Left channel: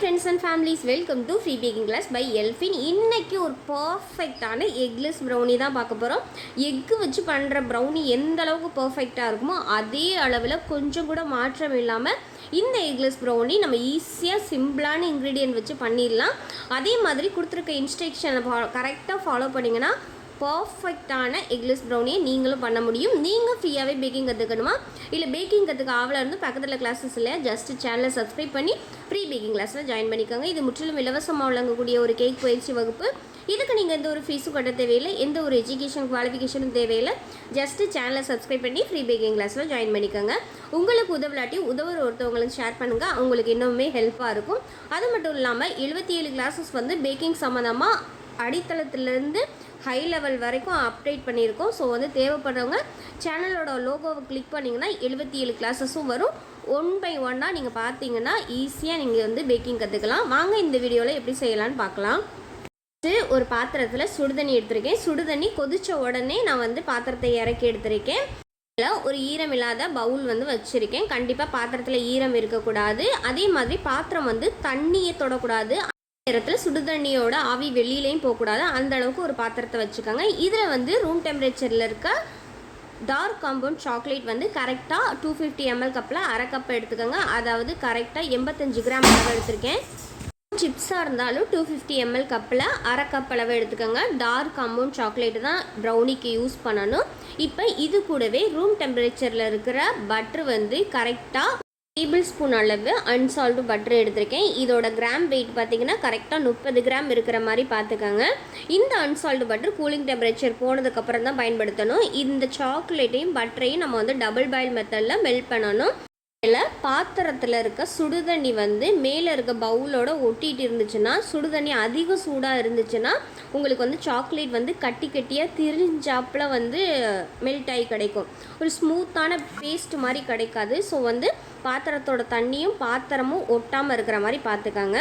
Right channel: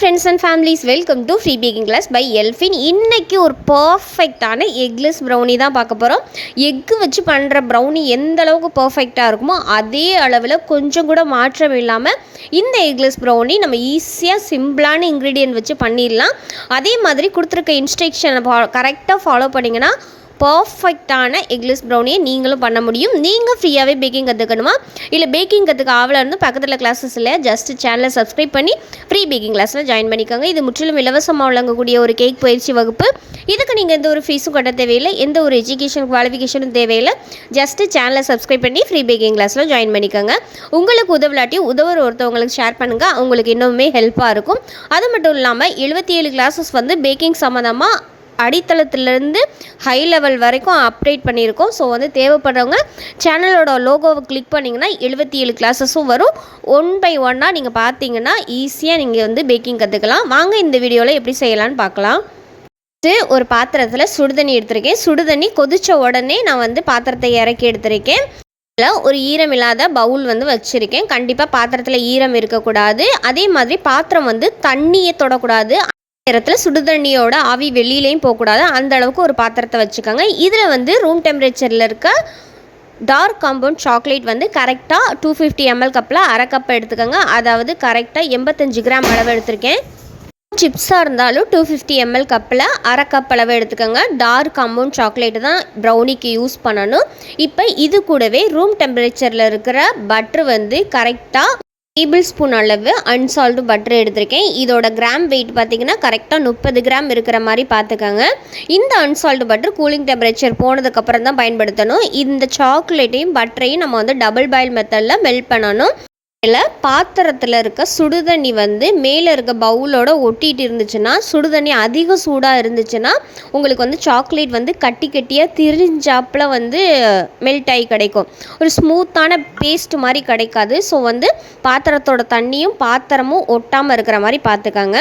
friends and families, welcome to Free Baking Class by Elfin. இன்னைக்கு ஒரு பர்ஃபெக்டான eggless brownie தான் பார்க்க போகிறோம். எக்கு வச்சு பண்ணுற ப்ரௌனி எந்த அளவுக்கு பர்ஃபெக்டாக இருக்குமோ அதே அளவில் கொஞ்சம் கூட மாற்றம் இல்லாமல் இந்த எக்லெஸ் ப்ரௌனி நம்ம ஈஸியாக சிம்பிளான இன்க்ரீடியன்ட் வச்சு பண்ணிடலாம். அதே மாதிரி கொடுத்துருக்க இன்ஸ்ட்ரக்ஷனை கரெக்டாக ஃபாலோ பண்ணிங்கன்னா பர்ஃபெக்டான எக்லெஸ் ப்ரௌனியை நீங்களும் பண்ண முடியும். நீங்கள் ஃப்ரீயாகவே பேக்கிங் கற்றுக்கணுமா, இல்லை பேக்கிங் கற்றுக்க ஆவலாக இருந்து பக்கத்தில் கிளாஸஸ் இல்லை, ஜஸ்ட் சேனலை சப்ஸ்கிரைப் பண்ணி ஃப்ரீ பேக்கிங் கிளாஸில் ஜாயின் பண்ணிக்கோங்க. இது முற்றிலும் இலவசமாக வழங்கக்கூடிய ஒரு கேக் பயிற்சி வகுப்பு. இதுக்கு நீங்கள் எந்த ஒரு ஃபீஸும் கட்ட தேவையில்லை, எந்த ஒரு எஜுகேஷன் குவாலிஃபிகேஷனும் தேவையில்லை. ஜஸ்ட்டு சேனலை சப்ஸ்கிரைப் பண்ணி ஃப்ரீ பேக்கிங் கிளாஸில் ஜாயின் பண்ணிக்கோங்க. உங்களுக்கு உதவலாட்டியும் உதவுற ஒருத்தவங்களுக்கு ஷேர் பண்ணுங்கள், அவங்களுக்கு இன்னுமே ஹெல்ப்பாக இருக்கும். அது மட்டும் இல்லாமல் 77 கிளாஸஸ் வந்து பேக்கிங் சம்மந்தமாக அடித்தளத்திலேருந்து ஹை லெவல் வரைக்கும் அப்டேட் பண்ணியிருக்கோம். ஸோ வந்து தேவைப்படுறவங்க சேனலோட லோகோவை கிளிக் பண்ணிங்கன்னா 77 கிளாஸஸும் வரும். ஒன் பை ஒன்னாக நீங்கள் பார்த்தீங்கன்னா ஈஸியாக நீங்கள் வந்து பேக்கிங் கற்றுக்கலாம். வாங்க இந்த வீடியோவில் எப்படி செய்யலான்னு பார்க்கலாம். ஒரு பாத்திரத்தில் சுடுதண்ணி எடுத்திருக்கேன். சுடுதண்ணி கொதித்த உடனே நான் வந்து பாத்திரத்தை இறக்கி எடுத்திருக்கேன். ஒரு ஈரம் இல்லாத பவுல் வந்து வச்சுருக்கேன். கண்டிப்பாக பாத்திரத்தில் ஈரம் இருக்கக்கூடாது. அதே மாதிரி பாத்திரம் வந்து தண்ணியை தொடக்கூடாது. நேரத்தில் சுடுதண்ணியோட ஆவி வெளியிலையும் போகக்கூடாது. அந்த அளவுக்கு ஒரு பாத்திரத்தை வச்சுக்கோங்க. இதில் வந்து ரூம் டெம்பரேச்சரில் இருக்க டார்க் காம்பவுண்ட் சாக்லேட் வந்து கரெக்டாக 250 ml கப்பில் அரை கப் எடுத்துக்கோங்க. அதாவது கரெக்டாக 85 கிராம் அளவு எடுத்திருக்கேன். சிப்ஸாக இருந்தாலும் 250 ml கப்பில் அரை கப் அளவு எடுத்துக்கோங்க. டார்க் காம்பவுண்ட் சாக்லேட்டு தான் ப்ரௌனிக்கு யூஸ் பண்ணணும். இப்போ இது கூடவே ரூம் டெம்பரேச்சரில் இருக்கிற பட்ரு வந்து கரெக்டாக டேபிள் ஸ்பூன் அளவு அன்சால்ட்டு பட்டர் எடுத்திருக்கேன். இதோட கிராம் வெயிட் பார்த்திங்கன்னா கரெக்டாக 30 கிராம் இருக்கிற மாதிரி பார்த்துக்கோங்க. இந்த அன்சால்ட்டு பட்டர் கூலிங் டெம்பரேச்சர் போனதுக்கப்புறம் தான் பயன்படுத்தணும். இந்த சாக்லேட்டையும் பட்டரையும் நம்ம வந்து டபுள் பாயில் மெத்தடில் மெல்ட் பண்ணணும். இதில் பாத்திரத்தில் இருக்க சுடுதண்ணி வந்து மேலே இருக்க பவுலோட ஒட்டிகிட்டு இருந்துச்சுன்னா, சுடுதண்ணி அதிக சூடாக இருந்துச்சுன்னா உங்களுக்கு வந்து சாக்லேட் வந்து கட்டி கட்டியாக திரிஞ்சாப்பில் வந்து மெல்ட் ஆகி கிடைக்கும். ஒரு ஸ்மூத்தான பேஸ்ட் மாதிரி கிடைக்காது. ஸோ வந்து பாத்திரத்தோட தண்ணியும் பாத்திரமும் ஒட்டாமல் இருக்கிற மாதிரி பார்த்துக்கோங்க.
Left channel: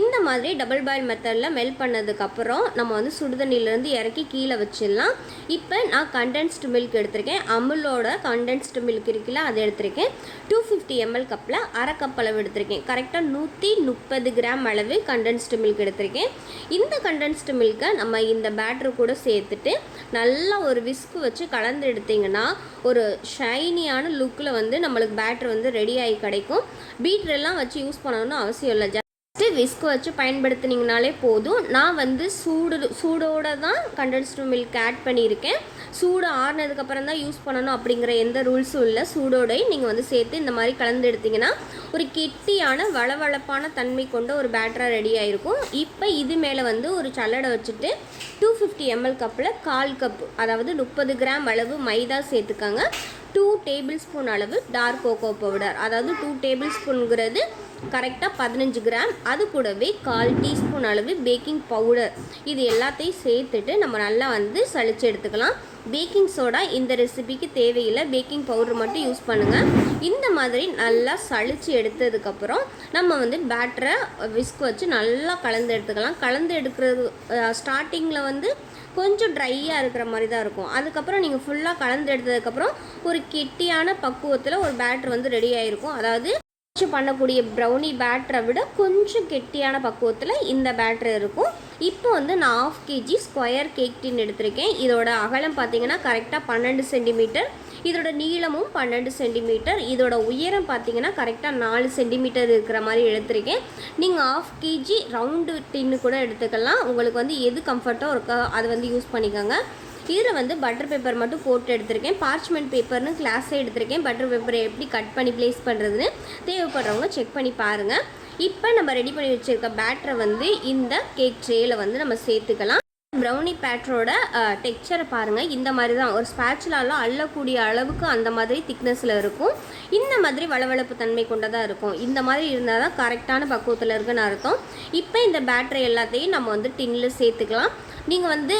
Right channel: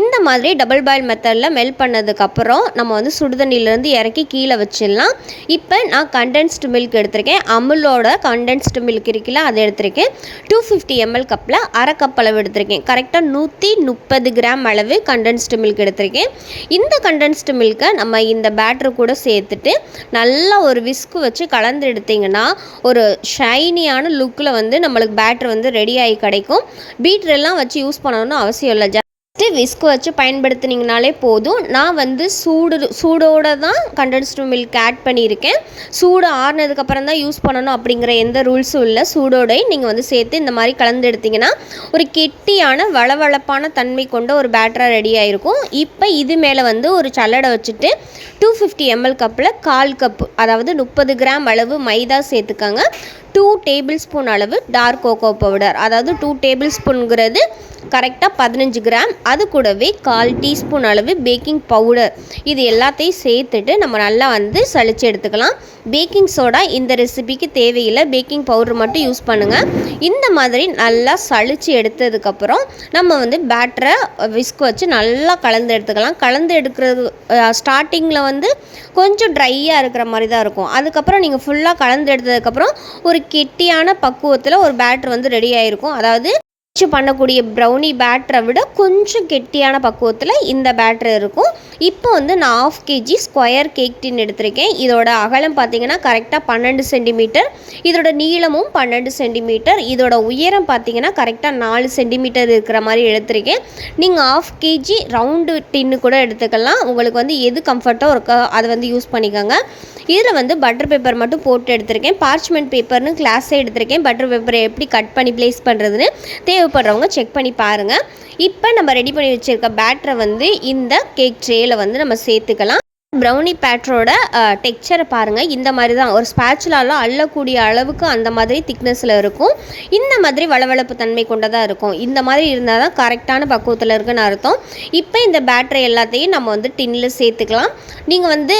இந்த மாதிரி டபுள் பாயில் மெத்தடில் மெல்ட் பண்ணதுக்கப்புறம் நம்ம வந்து சுடுதண்ணிலேருந்து இறக்கி கீழே வச்சிடலாம். இப்போ நான் கண்டென்ஸ்டு மில்க் எடுத்திருக்கேன். அமுலோட கண்டென்ஸ்டு மில்க் இருக்குல்ல, அதை எடுத்திருக்கேன். 250 ml கப்பில் அரை கப் அளவு எடுத்திருக்கேன். கரெக்டாக 130 கிராம் அளவு கண்டென்ஸ்டு மில்க் எடுத்திருக்கேன். இந்த கண்டென்ஸ்டு மில்கை நம்ம இந்த பேட்டரு கூட சேர்த்துட்டு நல்லா ஒரு விஸ்கு வச்சு கலந்து எடுத்திங்கன்னா ஒரு ஷைனியான லுக்கில் வந்து நம்மளுக்கு பேட்டர் வந்து ரெடி ஆகி கிடைக்கும். பீட்டரெல்லாம் வச்சு யூஸ் பண்ணணும்னு அவசியம் இல்லை. விஸ்கு வச்சு பயன்படுத்தினீங்கனாலே போதும். நான் வந்து சூடோடு தான் கண்டென்ஸ்டு மில்க் ஆட் பண்ணியிருக்கேன். சூடு ஆறுனதுக்கப்புறம் தான் யூஸ் பண்ணணும் அப்படிங்கிற எந்த ரூல்ஸும் இல்லை. சூடோடையும் நீங்கள் வந்து சேர்த்து இந்த மாதிரி கலந்து எடுத்திங்கன்னா ஒரு கெட்டியான வளவளப்பான தன்மை கொண்ட ஒரு பேட்டராக ரெடி ஆகிருக்கும். இப்போ இது மேலே வந்து ஒரு சல்லடை வச்சுட்டு 250 ml கப்பில் 1/4 கப்பு, அதாவது 30 கிராம் அளவு மைதா சேர்த்துக்கோங்க. 2 டேபிள் ஸ்பூன் அளவு டார்க் கோகோ பவுடர், அதாவது 2 டேபிள் ஸ்பூனுங்கிறது கரெக்டாக 15 கிராம். அது கூடவே 1/4 டீஸ்பூன் அளவு பேக்கிங் பவுடர், இது எல்லாத்தையும் சேர்த்துட்டு நம்ம நல்லா வந்து சளிச்சு எடுத்துக்கலாம். பேக்கிங் சோடா இந்த ரெசிபிக்கு தேவையில்லை, பேக்கிங் பவுடர் மட்டும் யூஸ் பண்ணுங்கள். இந்த மாதிரி நல்லா சளிச்சு எடுத்ததுக்கப்புறம் நம்ம வந்து பேட்டரை விஸ்க் வச்சு நல்லா கலந்து எடுத்துக்கலாம். கலந்து எடுக்கிறது ஸ்டார்டிங்கில் வந்து கொஞ்சம் ட்ரையாக இருக்கிற மாதிரி தான் இருக்கும். அதுக்கப்புறம் நீங்கள் ஃபுல்லாக கலந்து எடுத்ததுக்கப்புறம் ஒரு கெட்டியான பக்குவத்தில் ஒரு பேட்டர் வந்து ரெடி ஆகிருக்கும். அதாவது பண்ணக்கூடிய ப்ரௌனி பேட்டரை விட கொஞ்சம் கெட்டியான பக்குவத்தில் இந்த பேட்டர் இருக்கும். இப்போ வந்து நான் 1/2 kg ஸ்கொயர் கேக் டின் எடுத்திருக்கேன். இதோட அகலம் பார்த்திங்கன்னா கரெக்டாக 12 சென்டிமீட்டர், இதோட நீளமும் 12 சென்டிமீட்டர், இதோட உயரம் பார்த்திங்கன்னா கரெக்டாக 4 சென்டிமீட்டர் இருக்கிற மாதிரி எடுத்திருக்கேன். நீங்கள் 1/2 kg ரவுண்டு டின்னு கூட எடுத்துக்கலாம். உங்களுக்கு வந்து எது கம்ஃபர்ட்டோ இருக்கோ அதை வந்து யூஸ் பண்ணிக்கோங்க. இதில் வந்து பட்டர் பேப்பர் மட்டும் போட்டு எடுத்திருக்கேன். பார்ச்மெண்ட் பேப்பர்னு கிளாஸே எடுத்திருக்கேன். பட்டர் பேப்பரை எப்படி கட் பண்ணி ப்ளேஸ் பண்ணுறதுன்னு தேவைப்படுறவங்க செக் பண்ணி பாருங்கள். இப்போ நம்ம ரெடி பண்ணி வச்சுருக்க பேட்டரை வந்து இந்த கேக் ட்ரேயில் வந்து நம்ம சேர்த்துக்கலாம். ப்ரௌனி பேட்டரோட டெக்ஸ்சரை பாருங்கள். இந்த மாதிரி தான் ஒரு ஸ்பேச்சுலால அள்ளக்கூடிய அளவுக்கு அந்த மாதிரி திக்னஸில் இருக்கும். இந்த மாதிரி வளவளப்பு தன்மை கொண்டதாக இருக்கும். இந்த மாதிரி இருந்தால் தான் கரெக்டான பக்குவத்தில் இருக்குன்னு அர்த்தம். இப்போ இந்த பேட்டரை எல்லாத்தையும் நம்ம வந்து டின்னில் சேர்த்துக்கலாம். நீங்கள் வந்து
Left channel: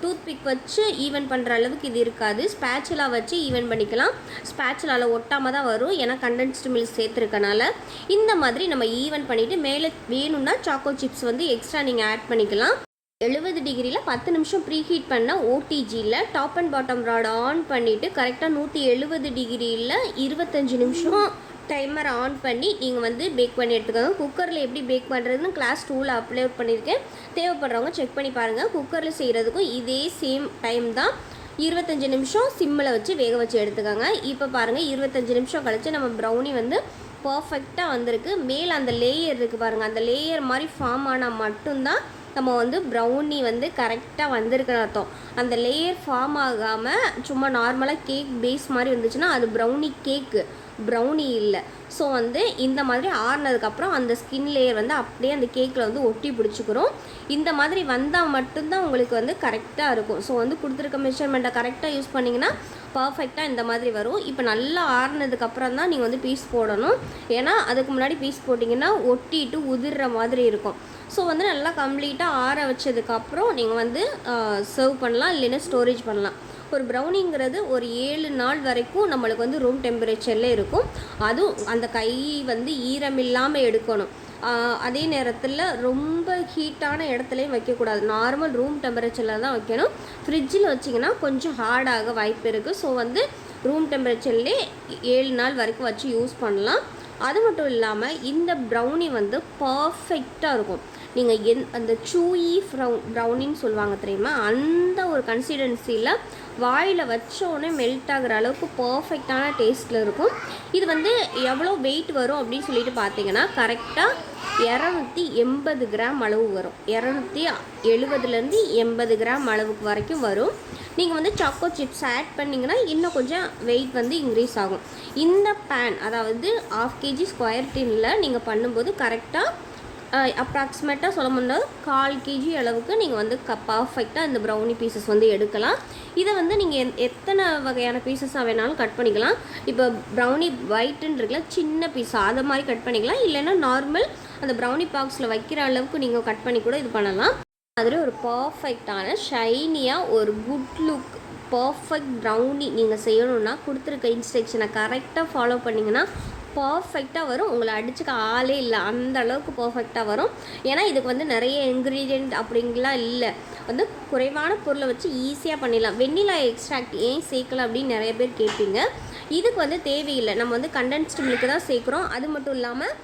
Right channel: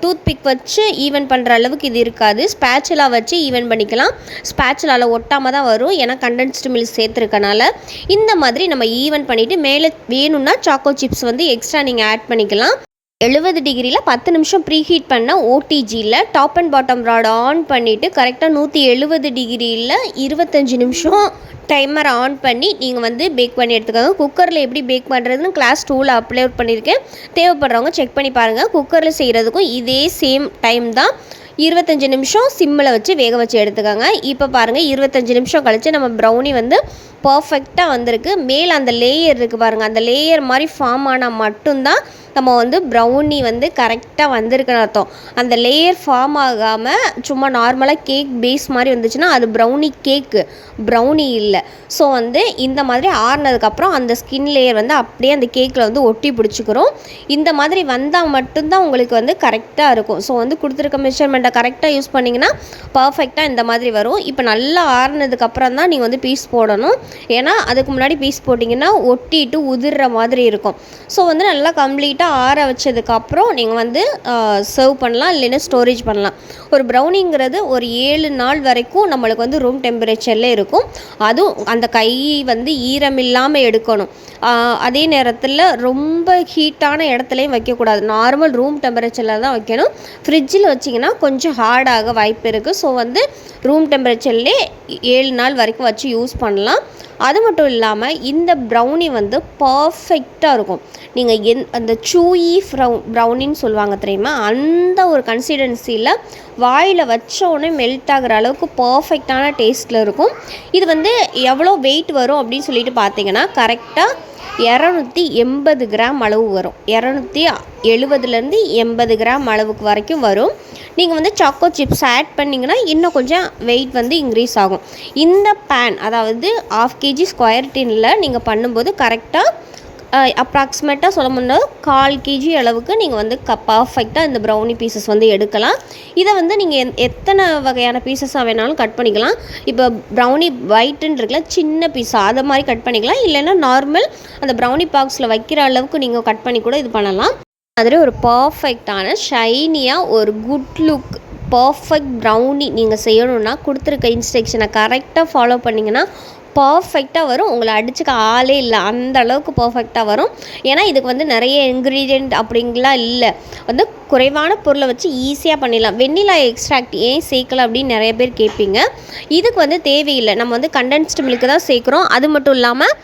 டூத் பிக் வச்சு ஈவன் பண்ணுற அளவுக்கு இது இருக்காது. ஸ்பேச்சுலா வச்சு ஈவன் பண்ணிக்கலாம். ஸ்பேச்சுலாவில் ஒட்டாமல் தான் வரும், ஏன்னா கண்டென்ஸ்டு மில்க் சேர்த்துருக்கனால. இந்த மாதிரி நம்ம ஈவன் பண்ணிவிட்டு மேலே வேணும்னா சாக்கோ சிப்ஸ் வந்து எக்ஸ்ட்ரா நீங்கள் ஆட் பண்ணிக்கலாம். 70 டிகிரியில் 10 நிமிஷம் ப்ரீ ஹீட் பண்ண ஓடிஜியில் top and bottom rod on பண்ணிவிட்டு கரெக்டாக 170 டிகிரியில் 25 நிமிஷம் டைமர் ஆன் பண்ணி நீங்கள் வந்து பேக் பண்ணி எடுத்துக்கோங்க. குக்கரில் எப்படி பேக் பண்ணுறதுன்னு கிளாஸ் 2ல் அப்லோட் பண்ணியிருக்கேன். தேவைப்படுறவங்க செக் பண்ணி பாருங்கள். குக்கரில் செய்கிறதுக்கும் இதே சேம் டைம் தான். 25 நிமிஷம் சிம்மில் வச்சு வேக வச்சு எடுத்துக்கோங்க. இப்போ பாருங்கள் 25 நிமிஷம் கழித்து நம்ம ப்ரௌனி வந்து பர்ஃபெக்டாக வந்திருக்கு. மேலே அந்த லேயர் இருக்குது பாருங்கள், அந்த லேயர் மாதிரி ஃபார்ம் ஆனால் மட்டும்தான் நம்ம வந்து ப்ரௌனி வந்து கரெக்டாக வந்திருக்குன்னு அர்த்தம். அந்த லேயர் ஃபார்ம் ஆகாமல் சும்மா நார்மலாக கேக் பேஸ் மாதிரி வந்துச்சுன்னா அது ப்ரௌனி கேக்கு, ப்ரௌனி இல்லை. ஸோ வந்து இந்த மாதிரி ஆறுனதுக்கப்புறம் அந்த ஸ்கின் லேயர் வந்து அப்படியே அந்த கேக்கில் வந்து ஒட்டி பிடிச்சிக்கிறோம். இந்த மாதிரி வந்தால் மட்டும்தான் உங்களுக்கு வந்து கரெக்டாக இருக்கும். ஸோ வந்து கொடுத்துருக்க மெஷர்மெண்ட்டை கரெக்டாக யூஸ் பண்ணிங்கன்னா பர்ஃபெக்டாக இந்த மாதிரி வரும். இப்போ நல்லா ஆறுனதுக்கப்புறம் தான் நீங்கள் வந்து பீஸ் போடணும். ஏன்னா அதுக்கு முன்னாடி பீஸ் போட்டிங்கன்னா ஒட்டிட்டு உதிர்ற மாதிரி இருக்கும். ஸோ வந்து நல்லா கம்ப்ளீட்டாக ஆற வச்சதுக்கப்புறம் நீங்கள் வந்து சர்வ் பண்ணலாம், இல்லைன்னா ஸ்டோரேஜ் பண்ணலாம். ஒரு ப்ரௌனிங்கிறது ஒரு 7 நாள் வரைக்கும் நம்மளுக்கு வந்து ரூம் டெம்பரேச்சரில் இருக்கும். அதுவும் அந்த கை வந்து ஈரமில்லாமல் எடுக்கணும். அதே நேரத்தில் ரொம்ப ஹீட்டான இடத்துலையும் வைக்கக்கூடாது. நார்மல் ரூம் டெம்பரேச்சரில் தான் வைக்கணும். ஃப்ரிட்ஜில் வச்சிங்கன்னா கொஞ்சம் ஹார்டாக வாய்ப்பு இருக்குது. ஸோ வந்து ரூம் டெம்பரேச்சர்லேயே 7 நாள் வரைக்கும் வச்சு யூஸ் பண்ணலாம். அது மட்டும் இல்லாமல் இந்த ப்ரௌனி வந்து பர்ஃபெக்டாக இருக்கும். நீங்கள் அந்த சூயி ப்ரௌனின்னு சொல்லுவாங்க தெரியுமா, அந்த ஒரு கன்சிஸ்டன்சியில் வாயில் வச்சோடனே மெல்ட் ஆகிற அளவுக்கு பர்ஃபெக்டான டேஸ்ட்டில் இருக்கும். இது வந்து எவ்வளோ வெயிட் வரும் அப்படின்னு சொல்லிட்டு பார்த்தீங்கன்னா கரெக்டாக 280 கிராம் அளவு வரும். 270லேருந்து 80 கிராம் அளவுக்கு வரைக்கும் வரும். நீங்கள் வந்து சாக்கோ சிப்ஸ் ஆட் பண்ணிங்கன்னா இன்னும் கொஞ்சம் வெயிட் வந்து இன்க்ரீஸ் ஆகும். இந்த பேன் அதாவது 1/2 kg ஸ்கொயர் டின்னில் நீங்கள் பண்ணும்போது கரெக்டாக அப்ராக்சிமேட்டாக சொல்ல முடியாது 1/4 kg அளவுக்கு நீங்கள் வந்து பர்ஃபெக்டாக இந்த ப்ரௌனி பீசஸ் வந்து எடுக்கலாம். இதை வந்து நீங்கள் எத்தனை வகையான பீசஸாக வேணாலும் கட் பண்ணிக்கலாம். இப்போ ப்ரௌனி ஒயிட்டுன்னு இருக்குல்ல, சின்ன பீஸாக அதை மாதிரி கட் பண்ணிக்கலாம். இல்லைன்னா நார்மல் அந்த ப்ரௌனி பாக்ஸில் வைக்கிற அளவுக்கு நீங்கள் கட் பண்ணி கூட இது பண்ணலாம். மாதிரி ஒரு பர்ஃபெக்டான ஷைனியாக ஒரு குட் லுக் பர்ஃபெக்ட் ப்ரௌனி நீங்கள் செய்யணுன்னா கொடுத்துருக்க இன்ஸ்ட்ரக்ஷனை கரெக்டாக ஃபாலோ பண்ணிங்கன்னா பர்ஃபெக்டாக வரும். உங்களை அடிச்சுக்க ஆளே இல்லை, அந்த அளவுக்கு பர்ஃபெக்டாக வரும். ஏன்னா இதுக்கு வந்து நிறைய இன்க்ரீடியண்ட் அப்படிங்கலாம் இல்லை, வந்து குறைவான பொருளை வச்சு ஈஸியாக பண்ணிடலாம். வெண்ணிலா எக்ஸ்ட்ராக்ட் ஏன் சேர்க்கல அப்படின்னு நிறைய பேர் கேட்பீங்க. இதுக்கு வந்து தேவையில்லை, நம்ம வந்து கண்டென்ஸ்டு மில்க்கு தான் சேர்க்குறோம். அது மட்டும் இல்லாமல்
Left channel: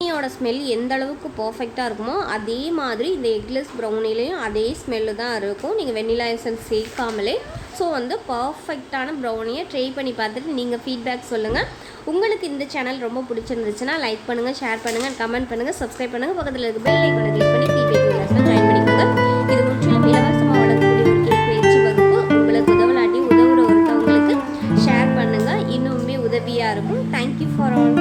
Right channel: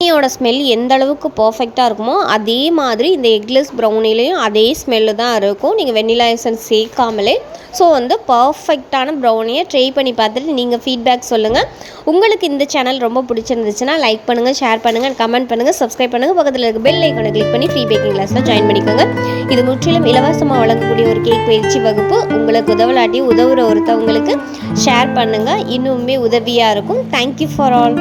ப்ரௌனியோட ஸ்மெல் எந்த அளவுக்கு பர்ஃபெக்டாக இருக்குமோ அதே மாதிரி இந்த எக்லெஸ் ப்ரௌனிலையும் அதே ஸ்மெல்லு தான் இருக்கும், நீங்கள் வெண்ணிலா எசன்ஸ் சேர்க்காமலே. ஸோ வந்து பர்ஃபெக்டான ப்ரௌனியை ட்ரை பண்ணி பார்த்துட்டு நீங்கள் ஃபீட்பேக் சொல்லுங்கள். உங்களுக்கு இந்த சேனல் ரொம்ப பிடிச்சிருந்துச்சுன்னா லைக் பண்ணுங்கள், ஷேர் பண்ணுங்கள், கமெண்ட் பண்ணுங்கள், சப்ஸ்கிரைப் பண்ணுங்கள். பக்கத்தில் இருக்க பெல் ஐக்கானை கிளிக் பண்ணி ஃப்ரீ பேக்கிங் கிளாஸில் ஜாயின் பண்ணிக்கோங்க. இது முற்றிலும் இலவசமாக வழங்கக்கூடிய ஒரு கேக் பயிற்சி வகுப்பு. உங்களுக்கு உதவலாட்டி உதவுற ஒருத்தவங்களுக்கு ஷேர் பண்ணுங்கள், இன்னுமே உதவியாக இருக்கும். Thank you for all.